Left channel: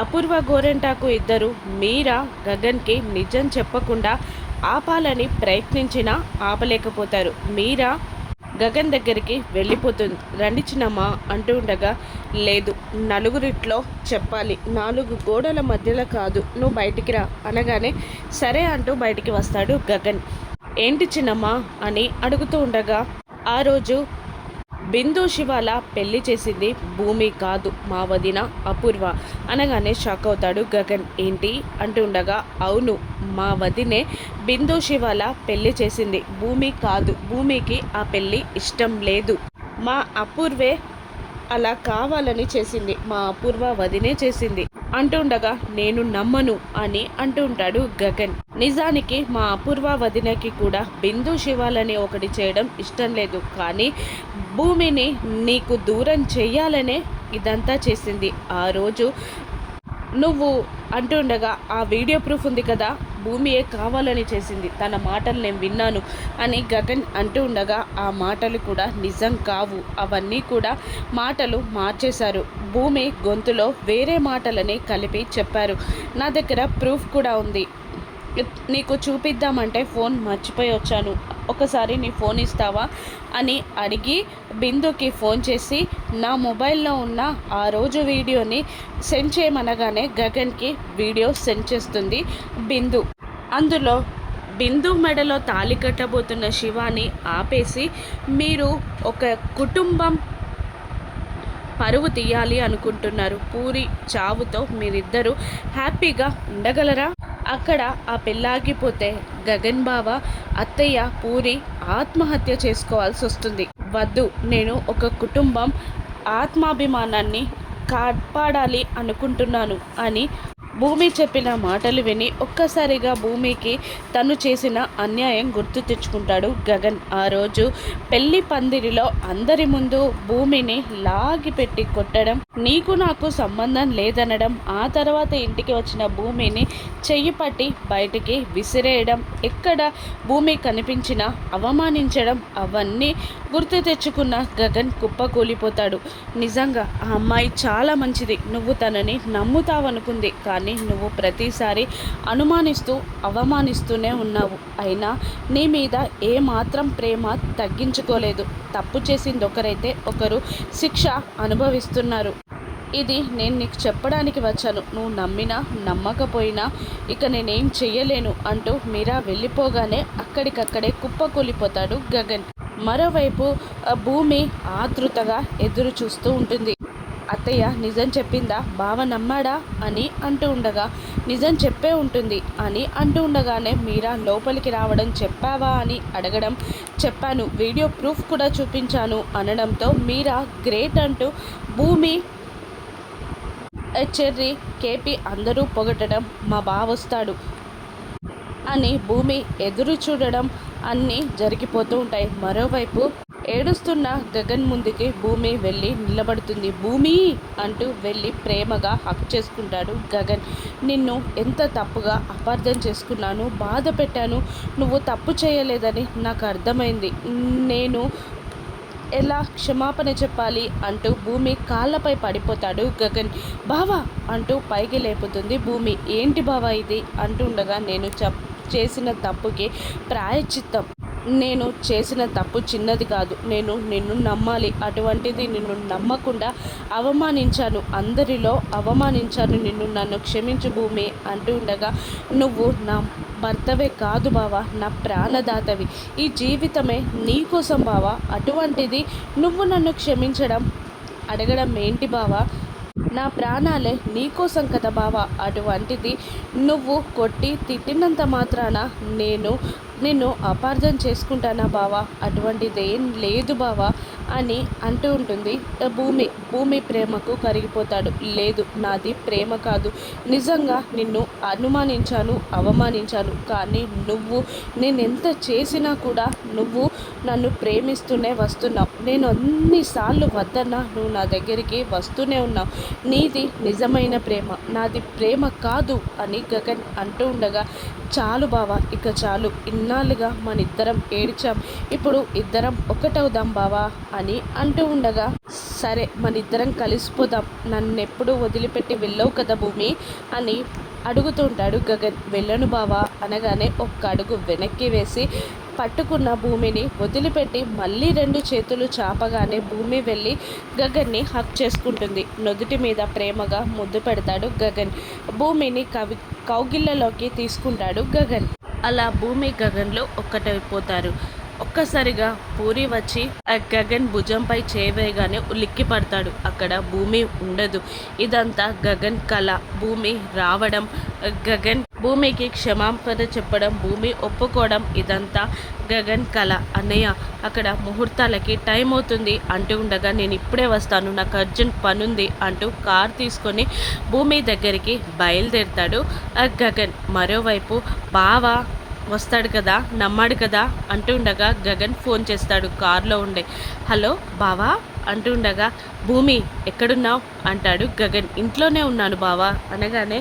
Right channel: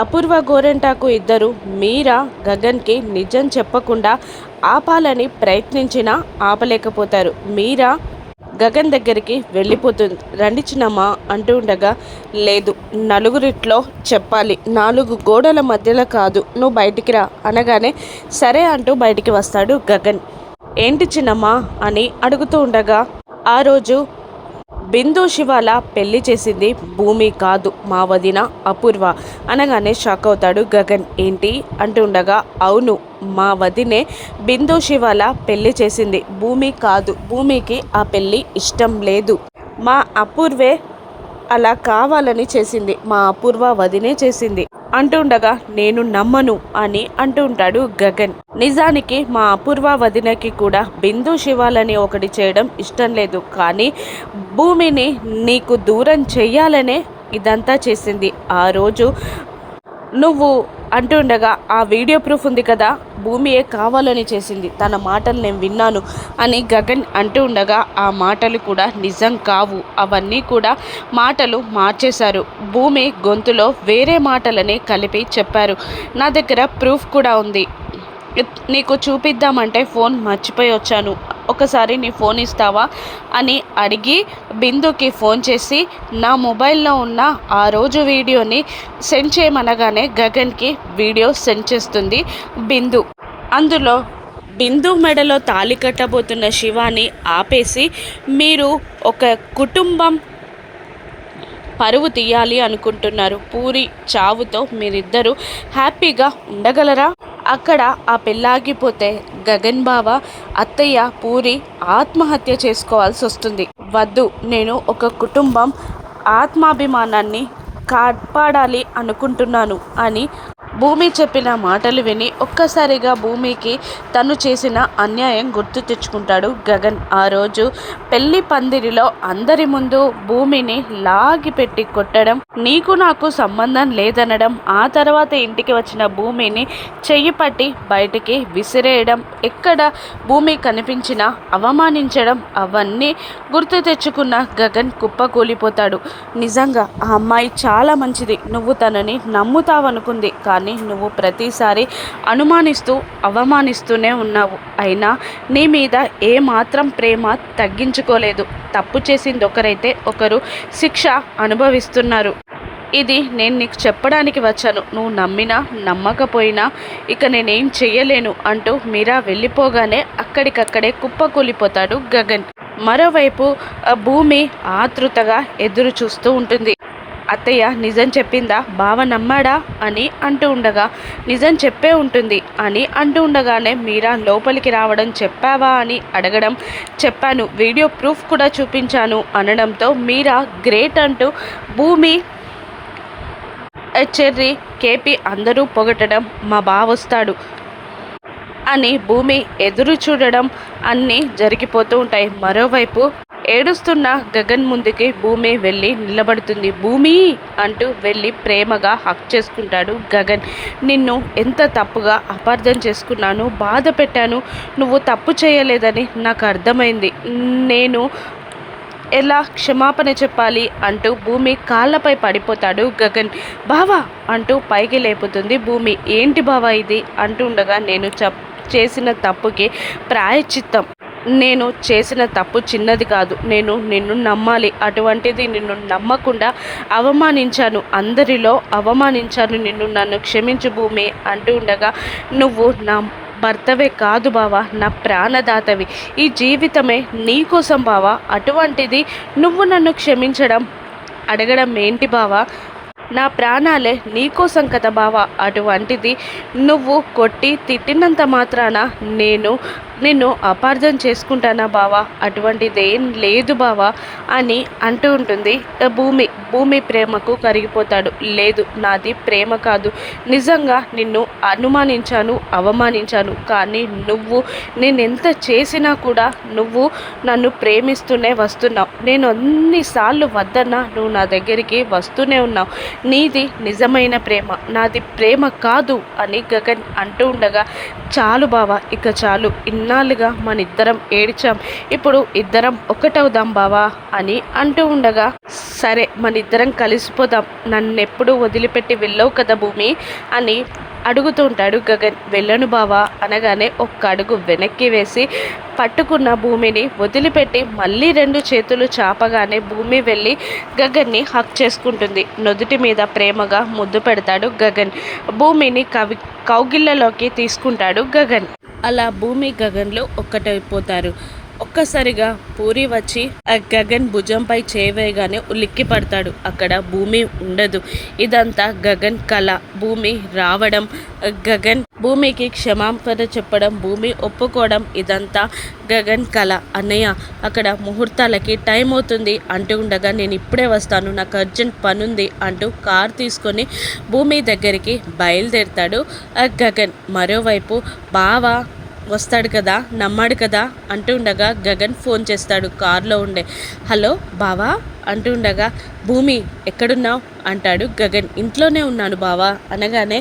అపూర్వ గోరెంటాకు ఇద్దరు మీరా గగన్కి నిజం చెప్పకుండా ఆపాలని ప్రయత్నించినా ఆపలేకపోతారు. మీరా గగన్ దగ్గరికి వెళ్ళిపోతుంది. రండి చిన్నమ్మా అంటూ ఉండగా, లేదు నలుగురిట్లో చెప్పాలి, 4 గోడల మధ్యలో కాదు, నువ్వు బయటికి రా అనగానే సరే అంటూ బయటికి వస్తాడు గగన్. ఏంటి చిన్నమ్మా అని అడుగుతూ ఉండగా, ఆ రోజు బిందు శివాల పెళ్లి చేసింది భూమి కాదు, మా వదిన అపూర్వ అనగానే షాక్ అవుతాడు గగన్. ఏంటి అంటూ ఉండగా, అవును మా వదినే బిందు శివాల పెళ్లి చేసింది, భూమి కాదు. భూమికి ఆ పెళ్ళి ఇష్టం లేదు. మా అపూర్వే అలా కావాలని చేసింది, మా అపూర్వ వదినే చేసింది అంటుండగా, నేను నమ్మను అని అంటూ ఉంటాడు గగన్. నిజానికి మా అపూర్వ వదినకి కూడా బిందు శివాలని ఒకటి చేయడం ఇష్టం లేదు, కానీ భూమిని నీకు దూరం చెయ్యాలనే ఇదంతా చేసింది. ఆ రోజు నువ్వు అంటుండగా, ఆ వీడియో ప్రూఫ్ ఉంది కదా, భూమియే కావాలని చేసింది, తన మాటలు నేను విన్నాను అని గగన్ అంటూ ఉండగా, ఆ మాటలు కూడా నిజం కావు, అవన్నీ కూడా మాటలు మార్చేశారు. భూమి గొంతులో వేరే మాటలని కలిపి చెప్పారు. నా దగ్గర ప్రూఫ్ కూడా ఉంది, నీకు చూపిద్దామంటే ఫోన్ మర్చిపోయి వచ్చాను, ఒకసారి నీ ఫోన్ ఇస్తావా అని అడిగి బిందుకి ఫోన్ చేసి నా మొబైల్లో ఉన్న ఆ రోజు వీడియోని సెండ్ చేయమనగానే గగన్కి వీడియో సెండ్ చేస్తుంది బిందు. అందులో బిందు మెడలో తాళి కట్టబోతున్న శివాని ఆపేసి, మీరు ఒక కుటుంబం పరువు తీయాలి అనుకుంటున్నారు, పూరి చావుతో మీరిద్దరూ హ్యాపీగా ఉండగలరా? అక్కడ ఆ పెళ్ళాగిపోతే గగన్ బావ అత్తయ్య పూరి ఆత్మహత్య చేసుకోవాల్సి వస్తుంది. వద్దు, నేను ఒక కుటుంబం ఆత్మాభిమానాన్ని కాపాడాలి అనుకుంటున్నాను అని భూమి చెప్పిన మాటలు విని ఒక్కసారిగా భూమికి తను చేసిన అన్యాయం గుర్తు తెచ్చుకుంటాడు గగన్. ఆ రోజు పెళ్లి పందిరిలో అందరి ముందు భూమిని లాగి పెట్టి కొట్టడం, నీకు నాకు సంబంధం లేదనడం, ఆ తర్వాత ఇంటికి వచ్చిన భూమిని చెయ్యి పట్టి బయటికి విసిరేయడం, ఎక్కడ భూమి కనిపించినా అవమానించడం, అవన్నీ గుర్తు తెచ్చుకున్న గగన్ కుప్పకూలిపోతాడు. నిజంగా ఆ అమ్మాయి చాలా మంచిది, నువ్వు తనని నమ్ముతావనుకుంది, కానీ నువ్వు ప్రతిసారి అనుమానిస్తూ అవమానిస్తూనే ఉన్నావు. అయినా నీ మీద ఏ మాత్రం ప్రేమ తగ్గించుకోలేదు. తప్పు చేసింది ఒకరైతే ఒకరు శిక్ష అనుభవిస్తున్నారు. ఇది నేను నీకు చెప్పడానికి వచ్చాను, నువ్వు నమ్మినా నమ్మకపోయినా ఇక నేనేం చెయ్యలేను అంటూ మీరా వెళ్ళిపోగానే అక్కడికక్కడే కుప్పకూలిపోతాడు గగన్. మరోవైపు భూమి ఆతృతగా ఎదురు చూస్తూ ఉంటుంది. అత్తయ్య నిజం చెప్పిందా, బావ నమ్మాడా అని అంటూ ఉండగా, నిజం చెప్పే ఉంటుంది అని అంటూ ఉండగానే మీరా లోపలికి రావడం, చెప్పావా అని అడగడం, చెప్పాను, వీడియో ప్రూఫ్ కూడా చూపించాను అనడంతో మీరా గ్రేట్ అంటూ భూమి, చెర్రీ, కేపీ అందరూ పొగటడం, మా బావ వస్తాడు అని భూమి ఎదురు చూడడం అన్నీ జరిగిపోతూ ఉంటాయి. మరోవైపు ఏడుస్తున్న గగన్ ముందుకి భూమి వెళ్ళి నిలబడుతుంది. భూమి అంటూ వెళ్ళి ప్రేమగా హక్ చేసుకుంటాడు గగన్. నిన్ను ఎంత తప్పుగా అపార్థం చేసుకున్నాను, బాధ పెట్టాను, నువ్వు తప్పు చేయలేదని నాకు అర్థమైంది, నేను ఎలా క్షమాపణ చెప్పాలి అంటూ భూమి కాళ్ళపై పడిపోతాడు గగన్. బావా అంటూ పైకి లేపుతుంది భూమి. ఏంటి బావా ఇది అంటూ ఉండగా, నేను చేసిన తప్పుకి ప్రాయశ్చిత్తం, నేను చేసిన తప్పు చిన్నది కాదు, నేను నిన్ను నమ్మాలి, అటువంటిది నిన్ను నమ్మకుండా అవమానించాను, అందరిలో అవమానించాను నిన్ను, నన్ను క్షమించు భూమి అంటూ ఉండగా, నువ్వు నా భర్తవే కాదు బావా, నా ప్రాణదాతవి, ఈ జీవితమే నీకోసం బావా, అటువంటిది నువ్వు నన్ను క్షమించడం అడగడం ఏంటి బావా, నా ప్రాణాలే నీకోసం కదా బావా, అటువంటిది నువ్వు కొట్టి తిట్టినంత మాత్రాన నేను నిన్ను అపార్థం చేసుకుంటానా బావా, అటువంటిదేం లేదు బావా అని అంటూ ఉంటుంది భూమి. భూమి ప్రేమకు కరిగిపోతాడు. లేదు, నాది ప్రేమ కాదు, నిజంగా నిన్ను అనుమానించాను, అవమానించాను, కానీ నువ్వు నేనెంత చేసినా కూడా నువ్వు నన్ను ప్రేమిస్తూనే వస్తున్నావు, నేను అన్నిసార్లు వద్దన్నా నువ్వు నా దగ్గరికి వస్తూనే ఉన్నావు, నీది నిజమైన ప్రేమ, నాది ప్రేమ కాదు అని గగన్ అంటూ ఉండగా, చాలు బావా, ఇక చాలు, ఇన్నాళ్ళుగా మన ఇద్దరం ఏడ్చాం, ఇప్పుడు ఇద్దరం ఒకటవుదాం బావా అని అంటూ ఉండగా, సరే మన ఇద్దరం కలిసిపోదాం, నన్నెప్పుడు వదిలిపెట్టి వెళ్ళవు కదా భూమి అని అడుగుతూ ఉంటాడు గగన్. వెళ్ళను బావా అనగానే ఒక్క అడుగు వెనక్కి వేసి పట్టుకున్న భూమిని వదిలిపెట్టి మళ్ళీ రెండు చేతులు చాపగానే భూమి వెళ్ళి గగన్ని హక్ చేసుకుంటుంది. నుదుటి మీద ప్రేమగా ముద్దు పెడతాడు గగన్. భూమిని కౌగిళ్ళలోకి తీసుకుంటాడు గగన్. అలా భూమి గగన్లో ఒక్కటైపోతారు. ఒక్కసారిగా పూరి వచ్చి ఆ గగన్ భుజంపై చేయవేయగానే ఉలిక్కి పడతాడు. అక్కడ భూమి ఉండదు. ఇదంతా గగన్ కళ. భూమి రావడం, గగన్ భూమికి క్షమాపణ చెప్పడం, భూమి ఒప్పుకోవడం, ఇదంతా గగన్ కళ. అన్నయ్య అక్కడ ముహూర్తాలకి టైం అవుతుంది అంటూ ఉండగా, నేను ఇప్పుడే వస్తాను, నాకు అర్జెంట్ పనుంది అంటూ కార్ తీసుకొని భూమి దగ్గరికి బయలుదేరుతాడు గగన్. మరోవైపు బావ వస్తాడు కదా, నమ్మాడు కదా అంటూ ఉండగా గగన్ ఫోన్ చేస్తాడు కారులో ఉండే. హలో బావా అంటూ ఉండగా, భూమి ఎక్కడున్నావు అంటాడు గగన్. ఇంట్లోనే ఉన్నాను బావా అనగానే,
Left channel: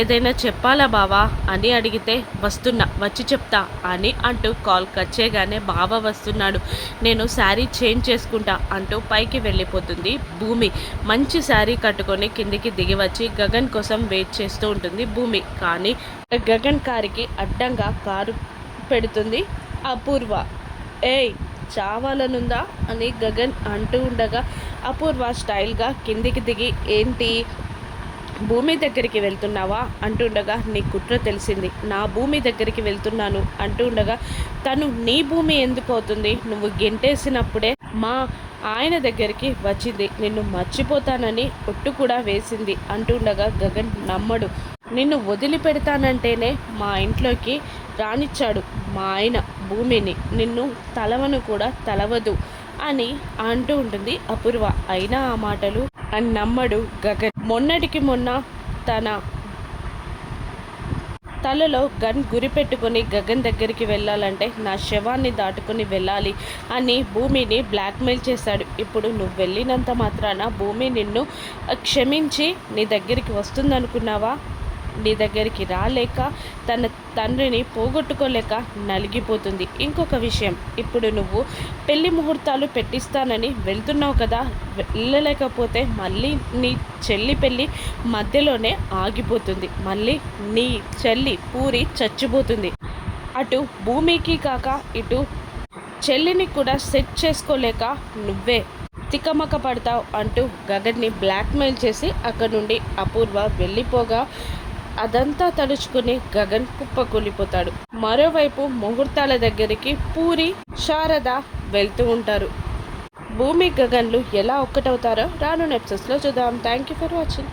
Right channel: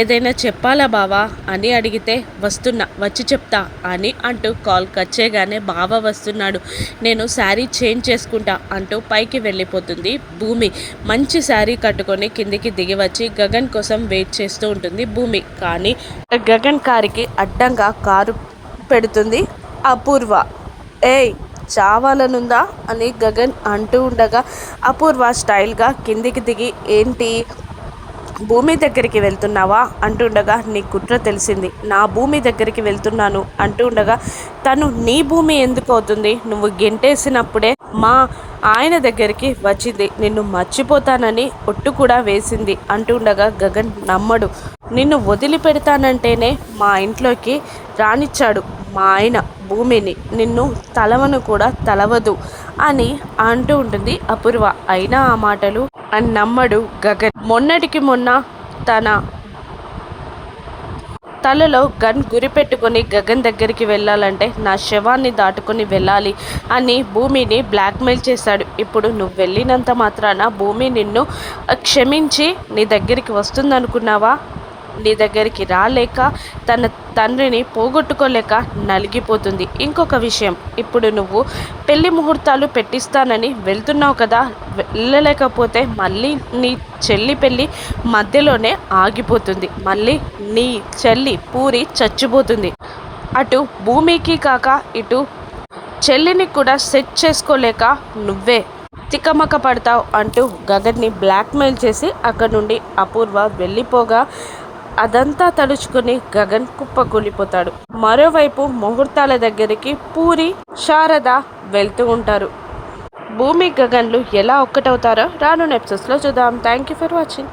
ఏదైనా చెప్పాలా బావా అని అడిగితే, వస్తున్నా వచ్చి చెప్తా అని అంటూ కాల్ కట్ చేయగానే, బావ వస్తున్నాడు, నేను శారీ చేంజ్ చేసుకుంటా అంటూ పైకి వెళ్ళిపోతుంది భూమి. మంచి శారీ కట్టుకొని కిందికి దిగి వచ్చి గగన్ కోసం వెయిట్ చేస్తూ ఉంటుంది భూమి. కానీ గగన్ కారుకి అడ్డంగా కారు పెడుతుంది అపూర్వ. ఏయ్ చావాలనుందా అని గగన్ అంటూ ఉండగా, అపూర్వ స్టైల్గా కిందికి దిగి, ఏంటి భూమి దగ్గరికి వెళ్తున్నావా అంటుండగా, నీ కుట్ర తెలిసింది, నా భూమి దగ్గరికి వెళ్తున్నాను అంటూ ఉండగా, తను నీ భూమి ఎందుకు అవుతుంది, నువ్వు గెంటేసినప్పుడే మా ఆయన దగ్గరికి వచ్చింది, నిన్ను మర్చిపోతానని ఒట్టు కూడా వేసింది అంటుండగా, గగన్ నమ్మడు. నిన్ను వదిలిపెడతానంటేనే మా ఇంట్లోకి రానిచ్చాడు మా ఆయన భూమిని, నిన్ను తలవను కూడా తలవదు అని అంటూ ఉంటుంది అపూర్వ. అయినా ఆ మాటలు అని నమ్మడు గగన్. మొన్నటికి మొన్న తన తలలో గన్ గురిపెట్టుకొని గగన్ దగ్గరికి వెళ్ళాలంటే నా శవాన్ని దాటుకొని వెళ్ళాలి అని భూమిని బ్లాక్మెయిల్ చేశాడు. ఇప్పుడు నువ్వు వెళ్ళినంత మాత్రాన భూమి నిన్ను క్షమించి నీ దగ్గరికి వస్తుందనుకున్నావా? నీ దగ్గరికి రాలేక తన తండ్రిని పోగొట్టుకోలేక నలిగిపోతుంది. ఇంకొక విషయం, ఇప్పుడు నువ్వు పెళ్లి ముహూర్తాలు పెట్టిస్తానని వెళ్తున్నావు కదా, వెళ్ళలేకపోతే మళ్ళీ నీ చెల్లి పెళ్ళి మధ్యలోనే ఆగిపోతుంది, మళ్ళీ నీ చెల్లి పూరి చచ్చిపోతుంది. అటు భూమికి కాక ఇటు చెల్లిని కూడా సెట్ చేసుకోలేక నువ్వే తికమక పడతావు అంటూ గగన్ని బ్లాక్మెయిల్ చేసి అక్కడి నుండి అపూర్వ వెళ్ళిపోగా, అదంతా తలుచుకుని గగన్ కుప్పకూలిపోతాడు. మరోవైపు ముహూర్తాల దగ్గరికి పూరి, శారద వెళ్తూ ఉంటారు. భూమి గగన్లు ఎలా ఒక్కటవుతారో రాను ఎపిసోడ్స్లో చూద్దాం. Thank you for watching.